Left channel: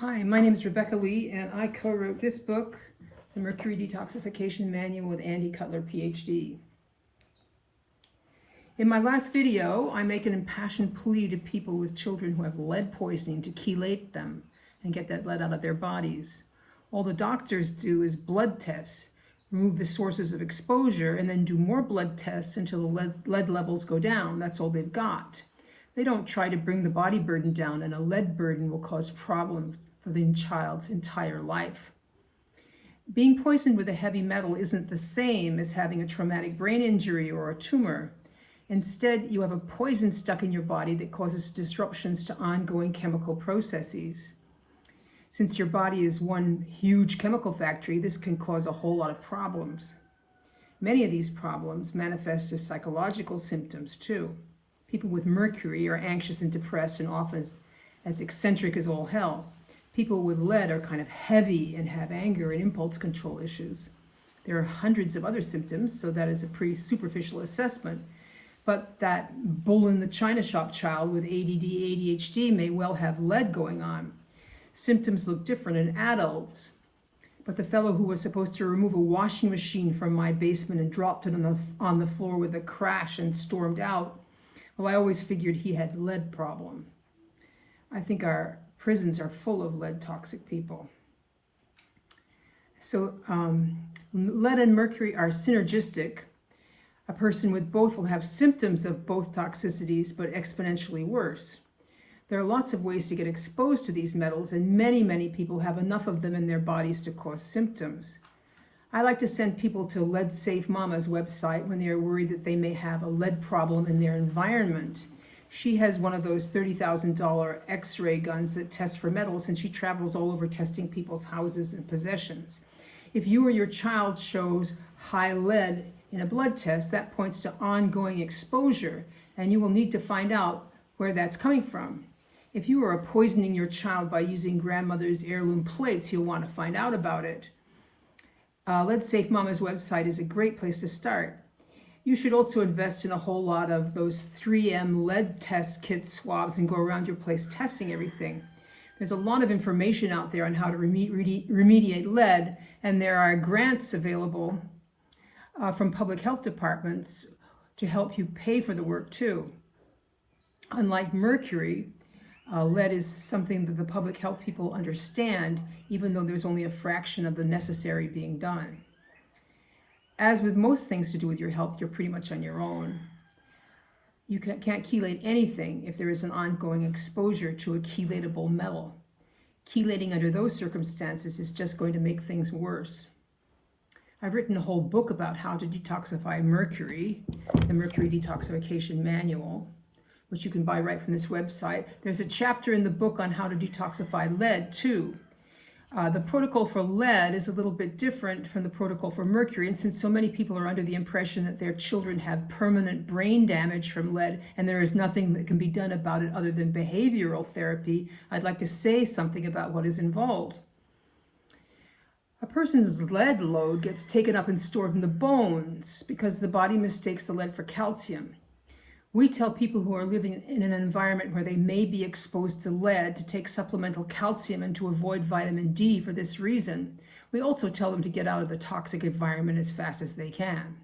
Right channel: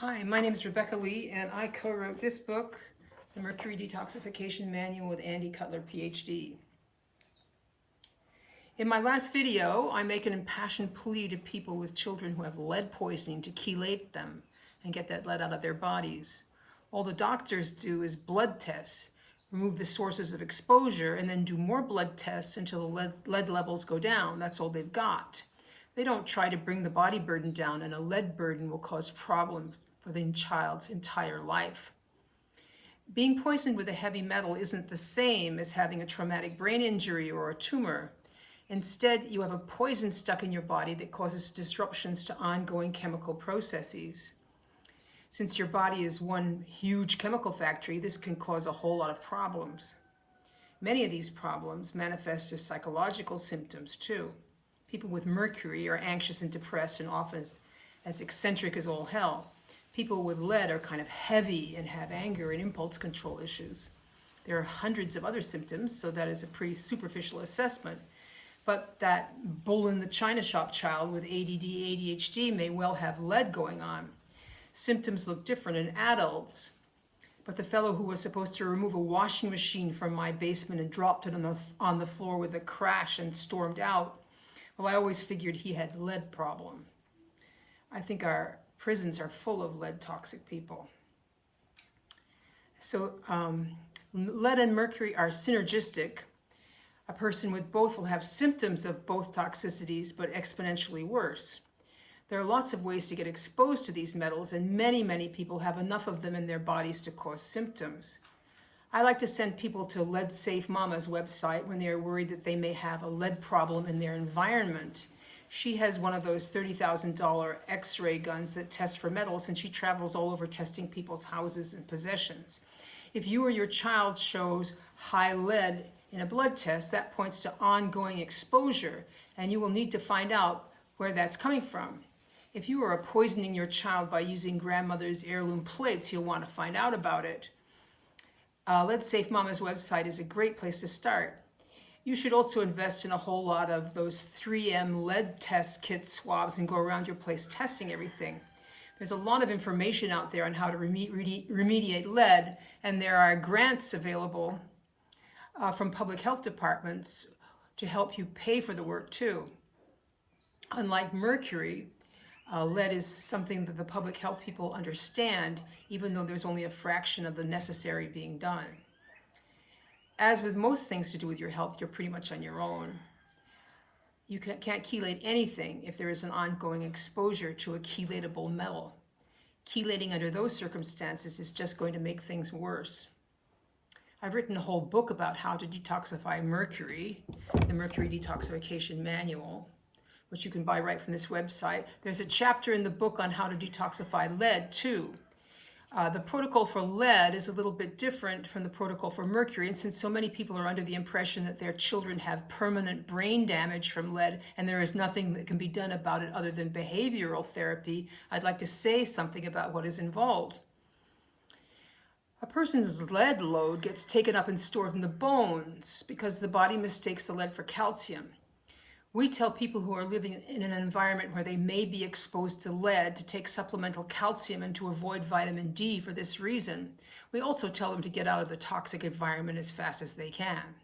Hi, my name is Rebecca Lee, and I co-wrote this book, The Mercury Detoxification Manual with Andy Cutler, PhD. In my last video, I make an impassioned plea to people with children who have lead poisoning to chelate them and get that lead out of their bodies. All the doctors do is blood tests, remove the sources of exposure, and then do more blood tests until the lead levels go down. That's all they've got. They don't try to bring the body burden down, and a lead burden will cause problems for the child's entire life. Being poisoned with a heavy metal isn't the same as having a traumatic brain injury or a tumor. Instead, you have a poison stuck in your body that causes disruptions to ongoing chemical processes. Since your body is one huge chemical factory, this can cause a whole lot of problems. Many of these problems manifest as psychological symptoms too. People with mercury are anxious and depressed and often as eccentric as all hell. People with lead are kind of heavy and have anger and impulse control issues. There are hundreds of other symptoms, so that is a pretty superficial assessment. But that bull in the china shop child with ADD, ADHD may well have lead going on. Symptoms look different in adults. But the fellow who was supposed to remove a washing machine from my basement and dropped it on the floor with a crash and stormed out, well, I always figured he had a lead problem. I think our prisons are full of lead toxic people. So lead and mercury are synergistic. A person with both will have symptoms of both toxicities, but exponentially worse. There are lots of ways to get exposed to these metals, and many people have enough of them in their bodies to cause symptoms. I like to send people to Lead Safe Mama's website when they are worried that they may have a lead problem in their environment. She has one of those $30,000 X-ray guns that test for metals, and she travels all over testing people's houses and possessions. If you or your child shows high lead in a blood test, that points to ongoing exposure, and you will need to find out where that's coming from. If you are poisoning your child by using grandmother's heirloom plates, you'll want to find out about it. Lead Safe Mama's website is a great place to start. You should also invest in a whole lot of those 3M lead test kit swabs and go around your place testing everything. There's a lot of information out there on how to remediate lead, and there are grants available from public health departments to help you pay for the work too. Unlike mercury, lead is something that the public health people understand, even though there's only a fraction of the necessary being done. As with most things to do with your health, you're pretty much on your own. You can't chelate anything if there is an ongoing exposure to a chelatable metal. Chelating under those circumstances is just going to make things worse. I've written a whole book about how to detoxify mercury, the Mercury Detoxification Manual, which you can buy right from this website. There's a chapter in the book on how to detoxify lead too. The protocol for lead is a little bit different from the protocol for mercury, and since so many people are under the impression that their children have permanent brain damage from lead and there is nothing that can be done about it other than behavioral therapy, I'd like to say something about what is involved. A person's lead load gets taken up and stored in the bones because the body mistakes the lead for calcium. We tell people who are living in an environment where they may be exposed to lead to take supplemental calcium and to avoid vitamin D for this reason. We also tell them to get out of the toxic environment as fast as they can.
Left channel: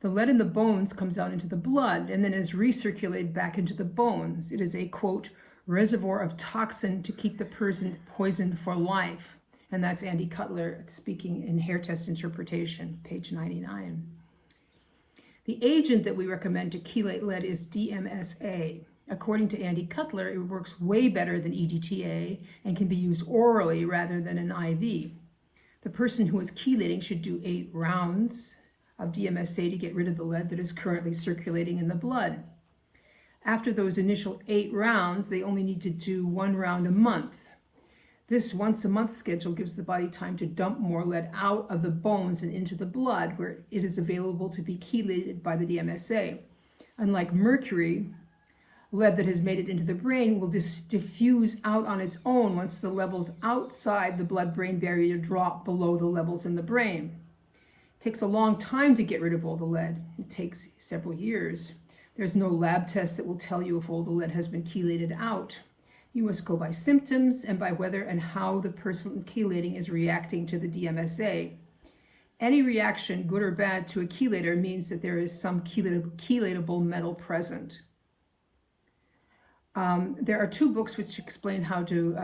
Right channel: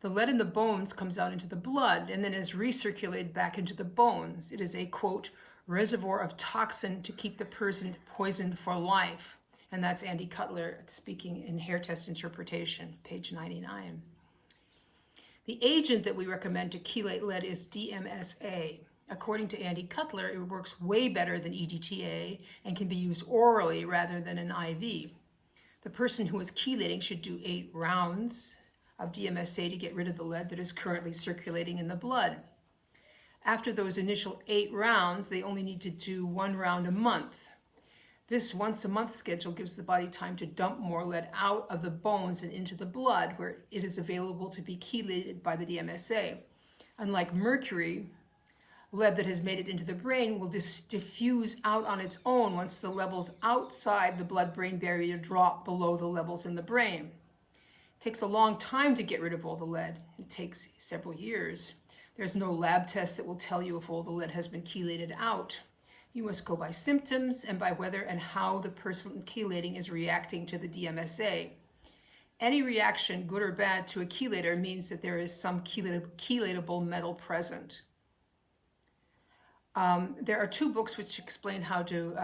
The lead in the bones comes out into the blood and then is recirculated back into the bones. It is a, quote, reservoir of toxin to keep the person poisoned for life. And that's Andy Cutler speaking in Hair Test Interpretation, page 99. The agent that we recommend to chelate lead is DMSA. According to Andy Cutler, it works way better than EDTA and can be used orally rather than an IV. The person who is chelating should do 8 rounds of DMSA to get rid of the lead that is currently circulating in the blood. After those initial 8 rounds, they only need to do 1 round a month. This once-a-month schedule gives the body time to dump more lead out of the bones and into the blood, where it is available to be chelated by the DMSA. Unlike mercury, lead that has made it into the brain will diffuse out on its own once the levels outside the blood-brain barrier drop below the levels in the brain. It takes a long time to get rid of all the lead. It takes several years. There's no lab test that will tell you if all the lead has been chelated out. You must go by symptoms and by whether and how the person chelating is reacting to the DMSA. Any reaction, good or bad, to a chelator means that there is some chelatable metal present. There are 2 books which explain how to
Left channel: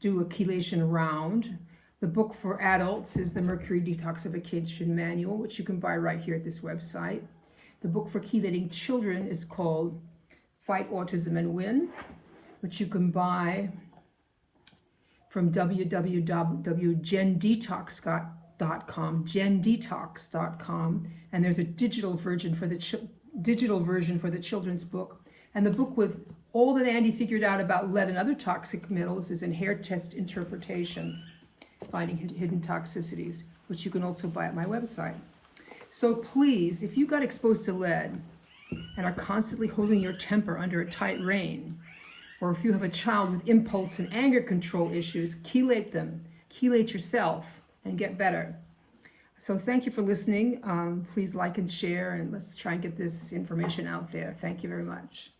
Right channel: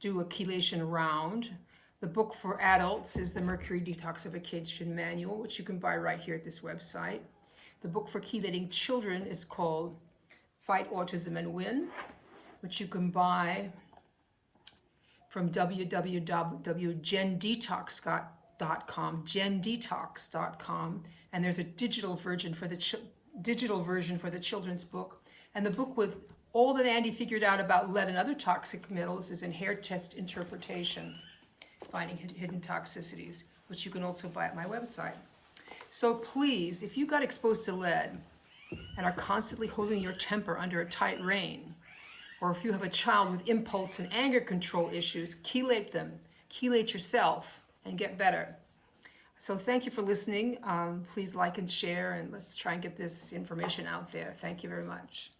do a chelation round. The book for adults is the Mercury Detoxification Manual, which you can buy right here at this website. The book for chelating children is called Fight Autism and Win, which you can buy from www.gendetox.com, and there's a digital version for the children's book. And the book with all that Andy figured out about lead and other toxic metals is in Hair Test Interpretation, Finding Hidden Toxicities, which you can also buy at my website. So please, if you got exposed to lead and are constantly holding your temper under a tight rein, or if you have a child with impulse and anger control issues, chelate them. Chelate yourself and get better. So thank you for listening. Please like and share, and let's try and get this information out there. Thank you very much.